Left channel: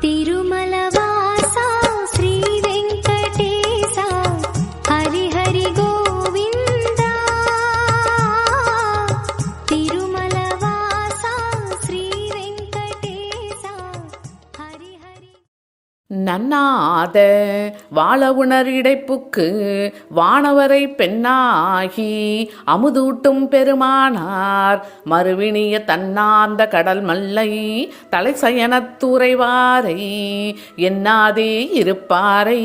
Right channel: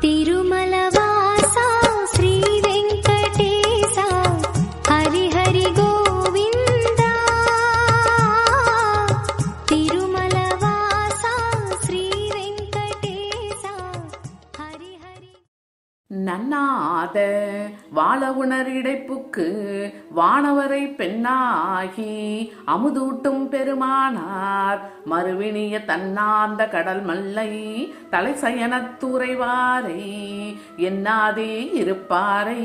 திரு வாழ உணர் இடைப்புக்கு வானவரை பெண்ணாகி அமுதூட்டும் பெருமானார். மறுவினிய தன்னார்ந்த கடல் மல்லை தலை சயனத்துறைவாரை என்னாதே இருப்பாரை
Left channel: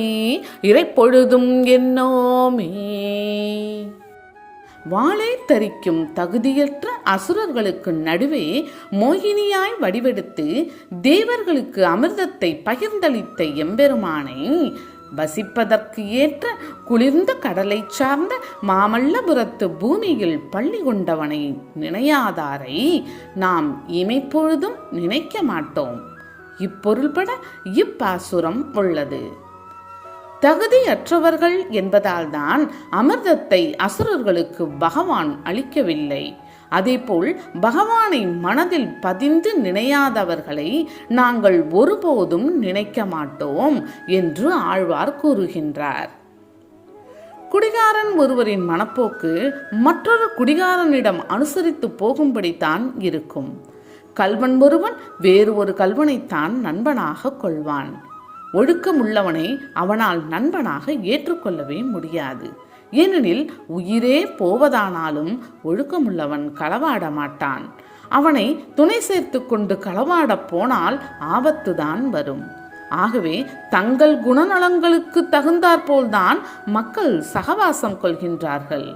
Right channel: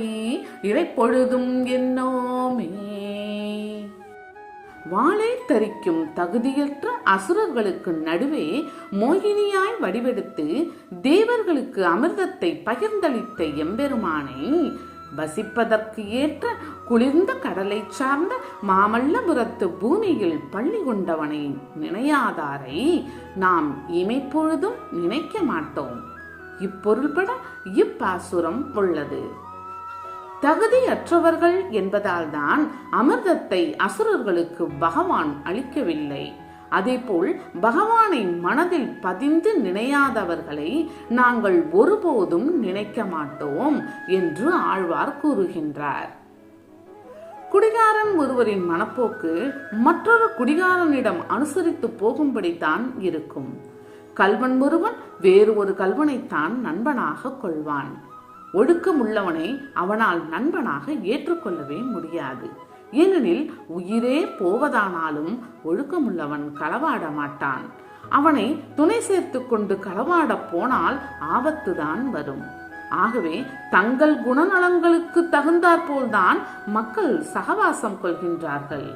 இறைப்பொழுதும் என்னோமே. வாளை தரிக்கும் தகுதியற்ற அசுரர்களுக்கு நடுவே மோகினியாய் வடிவெடுத்து தேவர்களுக்கு அமிர்தத்தை பகிர்ந்தளித்த எம்பெருமானை வசிப்பதற்கு ஏற்ற குளிர்ந்த கடலை சார்ந்த மாமல்லபுரத்து பூமியில் பள்ளி கொண்டவனை நினையாதாரை நாம் இமைப்பொழுதும் நினைக்க மாட்டோம் இப்பொருள்பட இப்பாசுரம் உள்ளது. தகுதியற்றவர்கள் என்பதால்தான் அமிர்தத்தை அசுரர்களுக்கு பகவான் அளிக்கவில்லை. அதேபோல் பகவானை மனதில் பதிந்து நினையாதவர்களை நாங்கள் ஒருபோதும் நினைக்க மாட்டோம் என்று ஆழ்வார் கூறுகின்றார். குடிகாரன் ஒருவரின் மனப்போக்கு மற்றொரு குடிகாரனிடம் அனுசரித்து போகும்படித்தான் இருக்கும். கல்வன் ஒருவன் வேறு ஒரு கல்வனைத்தான் நண்பனாக கொள்வான். ஒழுக்கமுள்ளவனை அவனால் நண்பனாக ஏற்றுக்கொள்ளவே முடியாது. ஏனெனில் உயிரே போவதானாலும் ஒழுக்கமுள்ளவன் களவாட மாட்டான் அவனை துணை சேர்த்து கொண்டு களவாடப் போனால் ஆபத்துதான் வரும். ஆகவே தங்கள் குணநலங்களுக்கு தகுந்தாற்போல்தான் மக்கள் சகவாசம் கொள்கின்றார்கள்.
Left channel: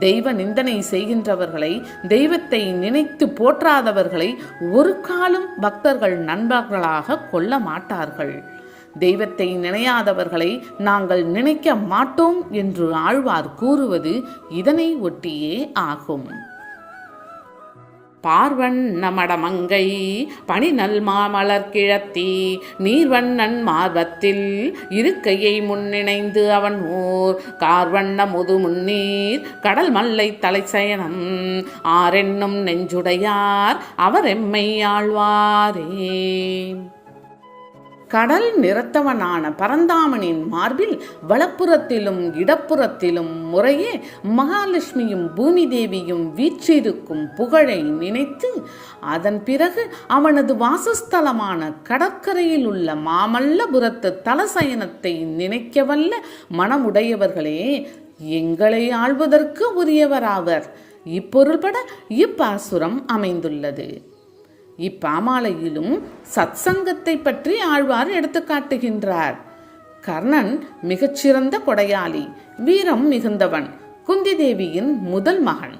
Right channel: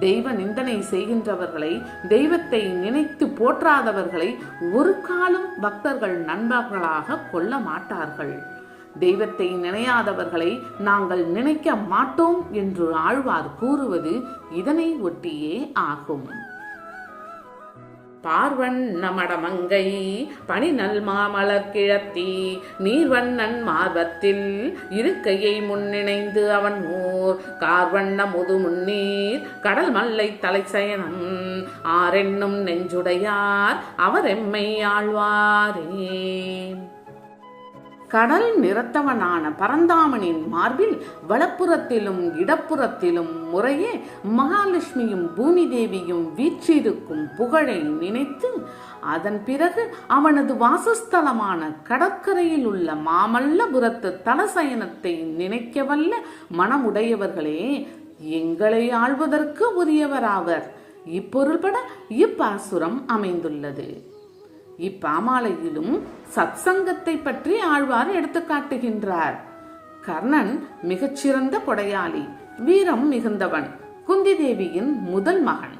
தெய்வ நிந்தனை செய்கின்றவர்களை தெய்வத்தை நினைத்து போற்றாதவர்களை ஒரு காலம் பக்தர்கள் நண்பர்களாக கொள்ள மாட்டார்கள் தெய்வத்தை நினையாதவர்களை நாங்கள் நினைக்க மாட்டோம் என்று ஆழ்வார் கூறுவது இதனை ஒட்டியே ஆகும். பார்வண்ண மடமங்கை பனிநல் மாமலர் கிழத்தி நீர்வண்ணன் மார்பத்தில் இருக்கையை முன்னிணைந்து அவன் ஓர் கார்வண்ண முது முன்னீர் கடல் மல்லை தலைசயனம். ஆரென்னும் நெஞ்சுடையார் அவர் எம்மை ஆழ்வாரே. கடல் நிறத்தவனான பரந்தாமனின் மார்பில் வலப்புறத்திலும் இடப்புறத்திலும் முறையே மகாலட்சுமியும் பூமி தேவியும் வீற்றிருக்கும் புகழை நினைத்து அதன் பிறகு அவனது வாசஸ்தலமான கடற்கரையில் உள்ள மாமல்லபுரத்து தலசயனத்தை நினைக்கவல்ல மனமுடையவர்களே எங்களை ஆள்வதற்கு உரியவராவர். இப்பொருள்பட இப்பாசுரம் அமைந்துள்ளது. இப்பாமாலையிலும் சத்சங்கத்தை பற்றி ஆழ்வார் எடுத்து காட்டுகின்றார். கர்ணன் மிகச்சிறந்த கொடையாளி வீரம் மிகுந்தவன் குந்தி தேவியின் முதல் மகன்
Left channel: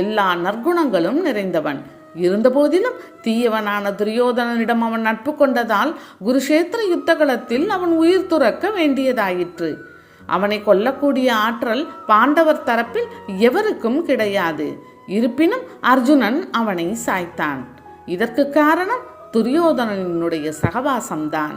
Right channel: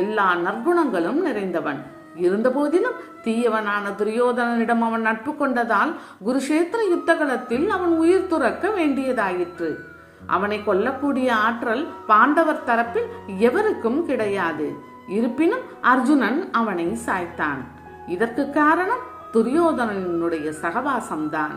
எல்லா நற்குணங்களும் நிறைந்தவன். இருந்தபோதிலும் தீயவனான துரியோதனனிடம் அவன் நட்பு கொண்டதால் குருஷேத்திர யுத்தகலத்தில் அவன் உயிர் துறக்க வேண்டியதாயிற்று. அவனை கொல்லக்கூடிய ஆற்றல் பாண்டவர் தரப்பில் எவருக்கும் கிடையாது. இருப்பினும் அர்ஜுனன் அவனை சாய்த்தான். இதற்கு காரணம் துரியோதனனுடைய சகவாசம்தான்.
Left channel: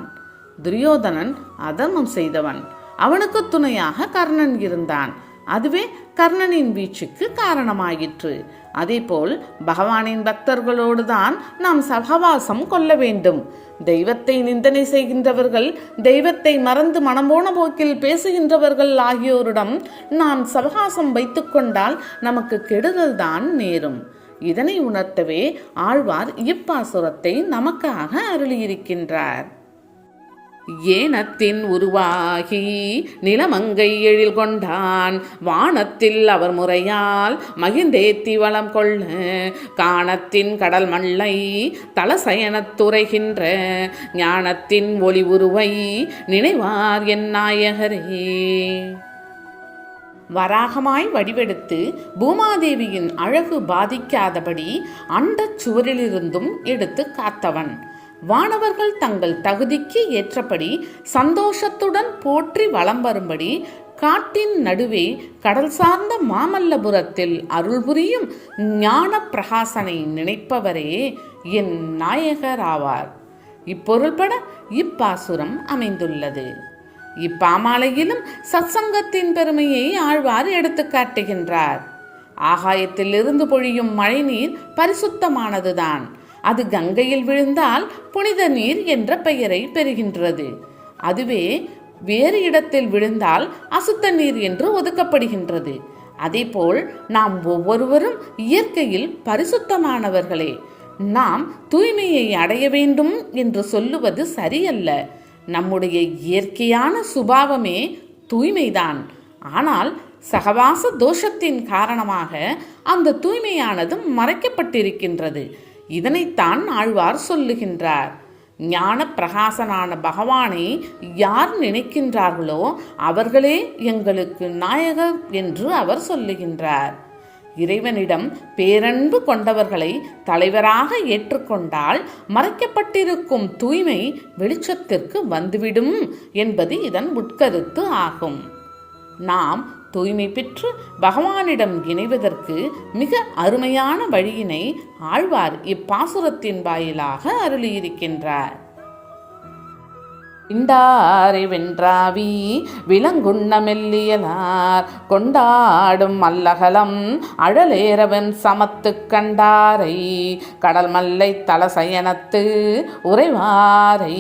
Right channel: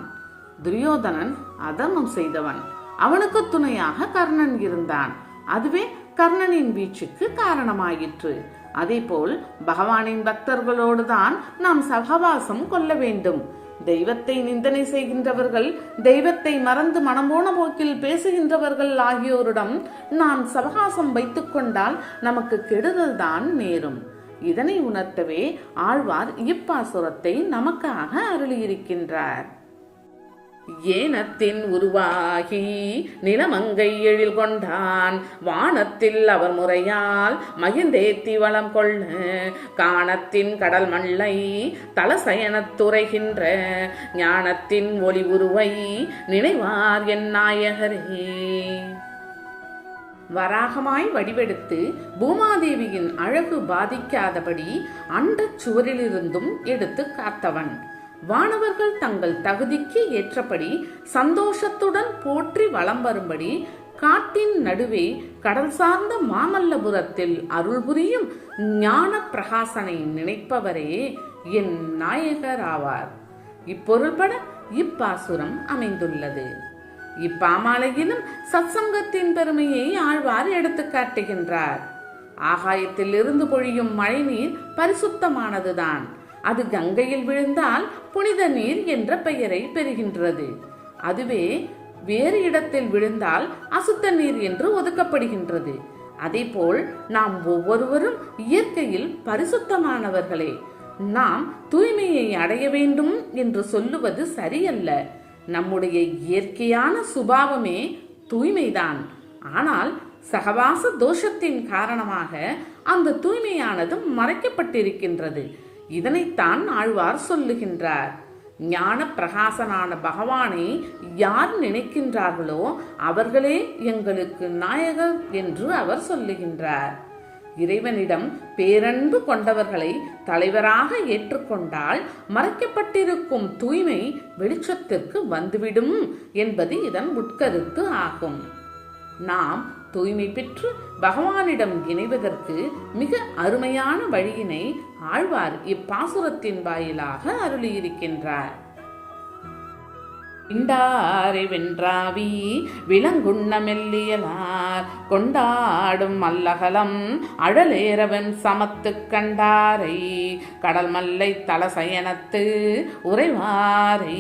துரியோதனன் அதர்மம் செய்தவன். அவனுக்கு துணையாக கர்ணன் இருந்தான். அதுவே கர்ணனின் வீழ்ச்சிக்கு காரணமாயிற்று. அதேபோல் பகவானின் பக்தர்களோடு தான் நாம் சகவாசம் கொள்ள வேண்டும். தெய்வத்தை நிந்தனை செய்கின்றவர்கள் தெய்வத்தை மறந்து மனம்போன போக்கில் பேசுகின்றவர்கள் ஆகியோரிடம் நாம் சவகாசம் வைத்துக்கொண்டால் நமக்கு கெடுதல் தான் நேரும். இதனை உணர்த்தவே ஆழ்வார் இப்பாசுரத்தை நமக்காக அருளியிருக்கின்றார். ஏனத்தின் உருவாகி நிலமங்கை எழில் கொண்டான். வானத்தில் அவர் முறையால் மகிழ்ந்தேத்தி வளம் கொள்ள. காணத்தின் கடல் மல்லை தலசயனத்துறைகின்ற ஞானத்தின் ஒளி உருவை நினைவார் என் நாயகரே. வராகமாய் வடிவெடுத்து பூமாதேவியின் அழகு பாதிக்காதபடி அண்டச் சுவரிலிருந்தும் எடுத்து காத்தவன். வானவர்கள் தங்கள் தகுதிக்கு ஏற்றபடி சந்தோஷத்துடன் போற்றி வலம் வரும்படி காட்டின் நடுவே கடல் சார்ந்த மாமல்லபுரத்தில் அருள் புரியும் ஞான பிரகாசனை நினைப்பவரே என் நாயகராவார் இப்பொருள்பட இப்பாசுரம் அமைந்துள்ளது. இப்பாமாலையிலும் சத்சங்கத்தின் பெருமையை ஆழ்வார் எடுத்து காட்டுகின்றார். ஆகாயத்தில் இருந்து பொழியும் மழைநீர் பரிசுத்தமானதுதான். அது கங்கையில் விழுந்தால் புனித நீர் என்ற பெயரை பெறுகின்றது. அதுவே வேறு இடத்தில் விழுந்தால் அசுத்த நீர் என்று ஒதுக்கப்படுகின்றது. அதேபோல் நாம் ஒவ்வொருவரும் இயற்கையில் பரிசுத்தமானவர்களே. நாம் தூய்மையை அடைய வேண்டும் என்று சொல்லுவது சரியல்ல. நம்முடைய இயற்கையான சுபாவமே தூய்மைதான். ஆனால் சகவாச தோஷத்தின் காரணமாக அந்த தூய்மையானது மறைக்கப்பட்டிருக்கின்றது. இதனைத்தான் ஆழ்வார் சொல்லுகின்றார். ஞான பிரகாசனான பகவானை யார் நினைக்கின்றார்களோ அவர்களே எங்களுக்கு நாயகர் என்று அவர் சொல்லுகின்றார். இறைவனிடம் பேரன்பு கொண்டவர்களை தலைவராக ஏற்றுக்கொண்டால் மறைக்கப்பட்டிருக்கும் தூய்மை வெளிச்சத்திற்கு வந்துவிடும் என்பது இதன் உட்கருத்து ஆகும். நாம் தூய்மை பெற்று பகவானிடம் இணைவதற்கு மிக அருமையான வழியினை ஆழ்வார் இப்பாசுரத்தின் வாயிலாக அருளியிருக்கின்றார். இண்டாரை வென்றாவி விலங்குண்ண மெல்லியலார் கொண்டாடும் மல்லகலம் அழலேறவன் சமத்து கண்டாரை கடல் மல்லை தலசயனத்து உறைவாரை.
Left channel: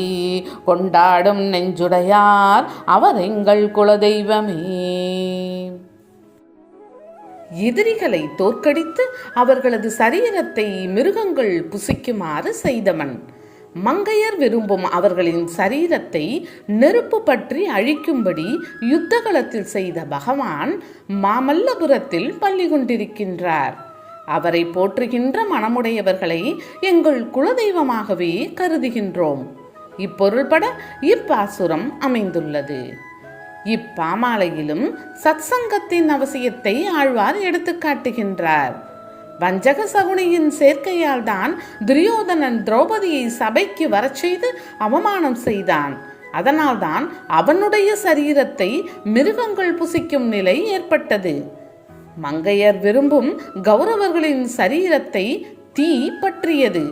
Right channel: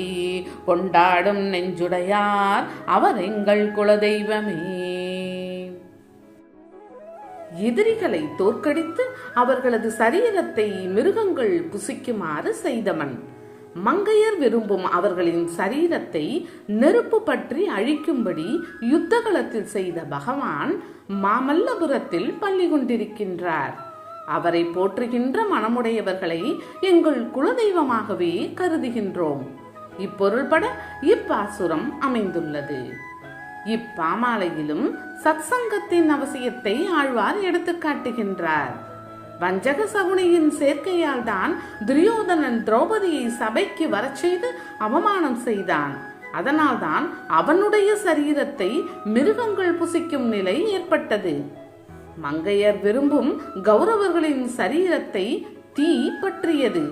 கொண்டாடும் நெஞ்சுடையார் அவர் எங்கள் குலதெய்வமே. எதிரிகளை தோற்கடித்து அவர்களது சரீரத்தை மிருகங்கள் புசிக்குமாறு செய்தவன். மங்கையர் விரும்பும் அவர்களின் சரீரத்தை நெருப்பு பற்றி அழிக்கும்படி யுத்தகலத்தில் செய்த பகவான் மாமல்லபுரத்தில் பள்ளி கொண்டிருக்கின்றார். அவரை போற்றுகின்ற மனமுடையவர்களை எங்கள் குலதெய்வமாகவே கருதுகின்றோம். இப்பொருள்பட இப்பாசுரம் அமைந்துள்ளது. இப்பாமாலையிலும் சத்சங்கத்தின் அவசியத்தை ஆழ்வார் எடுத்துக்காட்டுகின்றார் வஞ்சக சகுனியின் சேர்க்கையால் தான் துரியோதனன் திரௌபதியை சபைக்கு வரச் செய்து அவமானம் செய்தான். அதனால்தான் அவனுடைய சரீரத்தை மிருகங்கள் புசிக்கும் நிலை ஏற்பட்டது. மங்கையர் விரும்பும் கௌரவர்களின் சரீரத்தை தீ பற்றியது.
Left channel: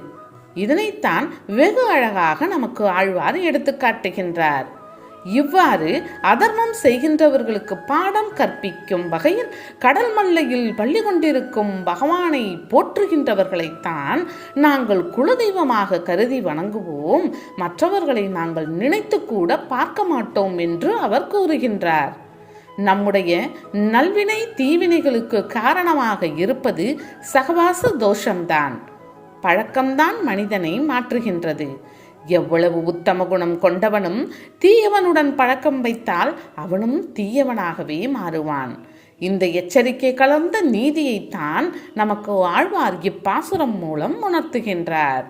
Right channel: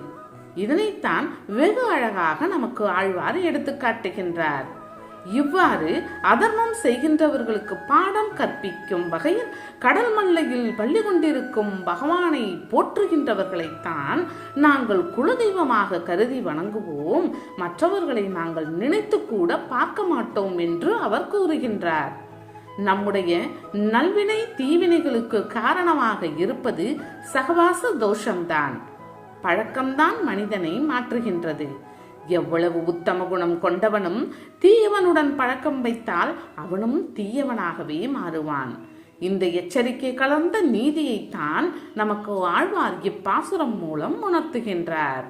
இதனைத்தான் வெகு அழகாக நமக்கு ஆழ்வார் எடுத்துக்காட்டுகின்றார் இவ்வாறு அதர்மம் செய்கின்றவர்களுக்கு பாடம் கற்பிக்கும் வகையில் கடல் மல்லையில் பள்ளி கொண்டிருக்கும் பகவானை போற்றுகின்றவர்களைத்தான் நாங்கள் குலதெய்வமாக கருதி வணங்குவோம். மற்றவர்களை நாங்கள் நினைத்து கூட பார்க்க மாட்டோம் என்று அவர் கூறுகின்றார். நம்முடைய நல்வினை தீவினைகளுக்கு காரணமாக இருப்பது சகவாச தோஷம்தான். பழக்கம்தான் மனிதனை மாற்றுகின்றது. எவ்வளவு உத்தம குணம் கொண்டவனும் தீயவனுடன் பழக்கம் வைத்தால் அவனும் தீயவனாகவே மாறுவான். இந்த எச்சரிக்கை கலந்த நீதியைத்தான் நமக்கு ஆழ்வார் இப்பாசுரம் மூலம் உணர்த்துகின்றார்.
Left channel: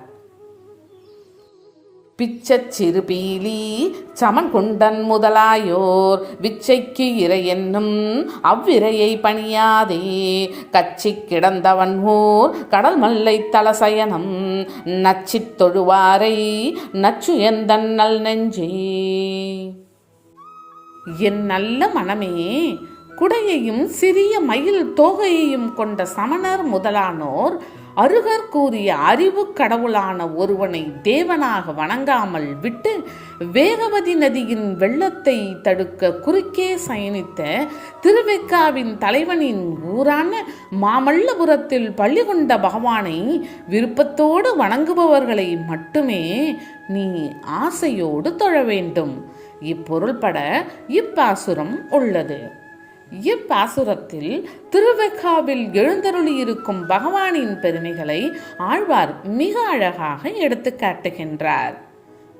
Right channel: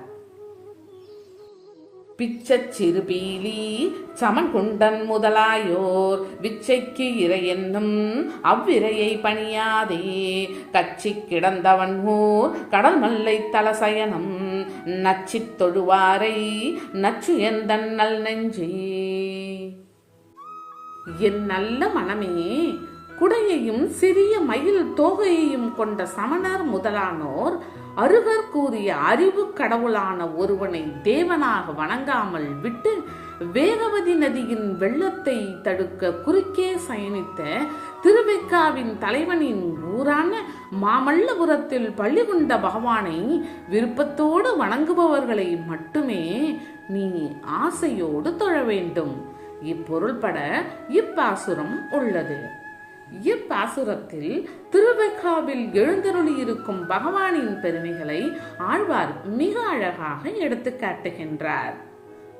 பிச்சச்சிறு சிறுபீலி சமன் குண்டன் முதலாயோர். விச்சைக்கு இறை என்னும் அவ்விரையை பணியாதே. கச்சி கிடந்தவன் ஊர் கடல் மல்லை தலசயனம். நச்சி தொழுவாரை நச்சு எந்தன் நல் நெஞ்சே. என் நல்ல மனமே குடையையும் சிறிய மயில் தோகையையும் கொண்ட சமணர் முதலானோர் அருகர் கூறிய அறிவு கடவுளான ஒருவனை தேவனாக வணங்காமல் விட்டு வேகவதி நதியின் வெள்ளத்தை தடுக்க குறுக்கே சயனித்த திருவெக்காவின் தலைவனின் ஊரான மாமல்லபுரத்தில் பள்ளி கொண்ட பகவானை விருப்பத்தோடு வணங்குபவர்களை மட்டுமே நீ ஆசையோடு தொழ வேண்டும். இப்பொருள்பட இப்பாசுரம் உள்ளது. இப்பாசுரத்தில் திருவெக்காவில் எழுந்தருளியிருக்கும் பகவானின் பெருமைகளை ஆழ்வார் மிக அழகாக எடுத்து காட்டுகின்றார்.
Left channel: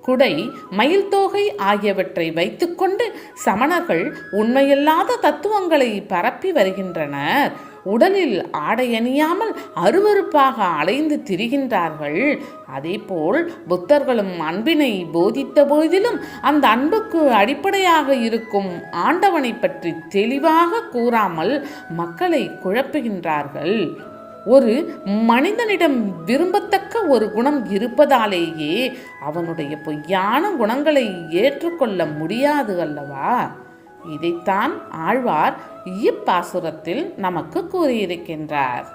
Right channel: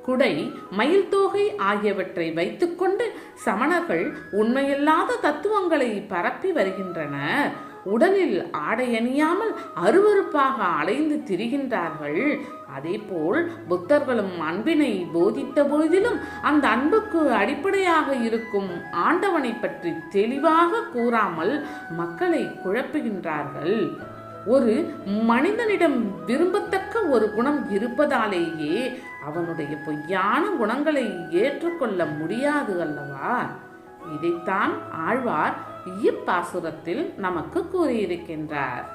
குடை மயில் தோகை ஆகியவற்றை வைத்துக்கொண்டு சமணர்கள் உண்மையில்லாத தத்துவங்களை பரப்பி வருகின்றனர். உடலில் ஆடை அணியாமல் அருவருப்பாக அலைந்து திரிகின்றார்கள். அதேபோல் புத்தர்களும் அன்பினை போதித்த போதிலும் அந்த அன்புக்கு அடிப்படையாக இருக்கும் ஆண்டவனை பற்றி தெளிவாக கூறாமல் மக்களை குழப்புகின்றார்கள். ஒரு மனிதனிடம் விரும்பத்தக்க ஒரு குணம் இருப்பதாலேயே அவனுடைய பொய்யான குணங்களை ஏற்றுக்கொள்ள முடியாது அல்லவா? இதைத்தான் ஆழ்வார் இப்பாசுரத்தில் நமக்கு கூறியிருக்கின்றார்.